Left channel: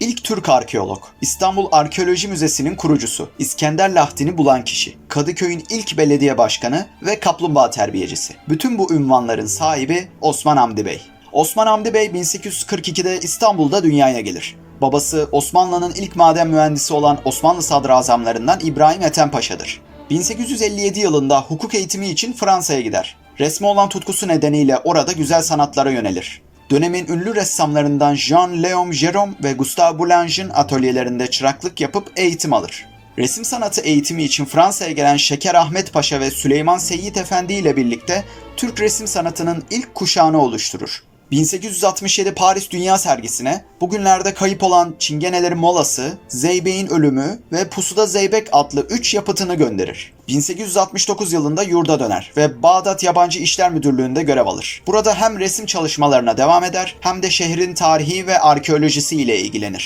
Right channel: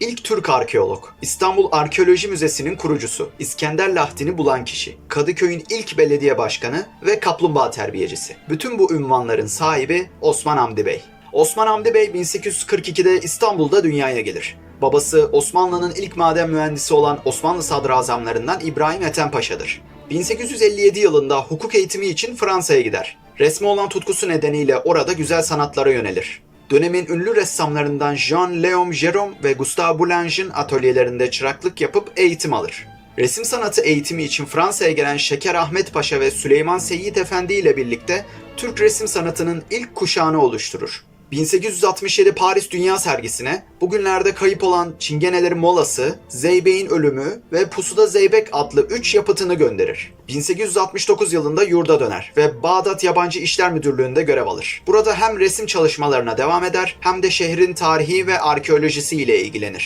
İlk Türk arkeolog, İstanbul Arkeoloji Müzesi'nin kurucusu, İskender Lahti'ni bulan kişi, Kadıköy'ün ilk belediye başkanı ve kaplumbağa terbiyecisi. Bütün bu ünvanların sahibi Osman Hamdi Bey. Osman Hamdi Bey 1842'de İstanbul'da dünyaya gelir. Babası Osmanlı'nın ilk maden mühendisi olan Osmanlı sadrazamlarından İbrahim Ethem Paşa'dır. 1857 yılında hukuk eğitimi için Fransa'ya gider. Resme olan tutkusu nedeniyle orada güzel sanatlara yönelir. Dönemin ünlü ressamlarından Jean-Léon Gérôme ve Gustave Boulanger'in atölyelerinde çıraklık yapıp eğitim alır. Resim sanatı eğitimi için Fransa'ya gelen Şeker Ahmet Paşa ve Süleyman Seyyid Efendi ile birlikte Türk resim sanatının ilk kuşağını oluşturur. 1867 Paris Dünya Sergisi'ne bugünlerde kayıp olan Çingenelerin Molası, Zeybek'in Ölümü ve Pusuda Zeybek adlı 3 yapıtını gönderir. 1869 yılında yurda döner ve Bağdat Yabancı İşler Müdürlüğü'nde görev alır. Burada hem resim çalışmalarına devam eder hem de şehrin tarihi ve arkeolojisi ile ilgilenir.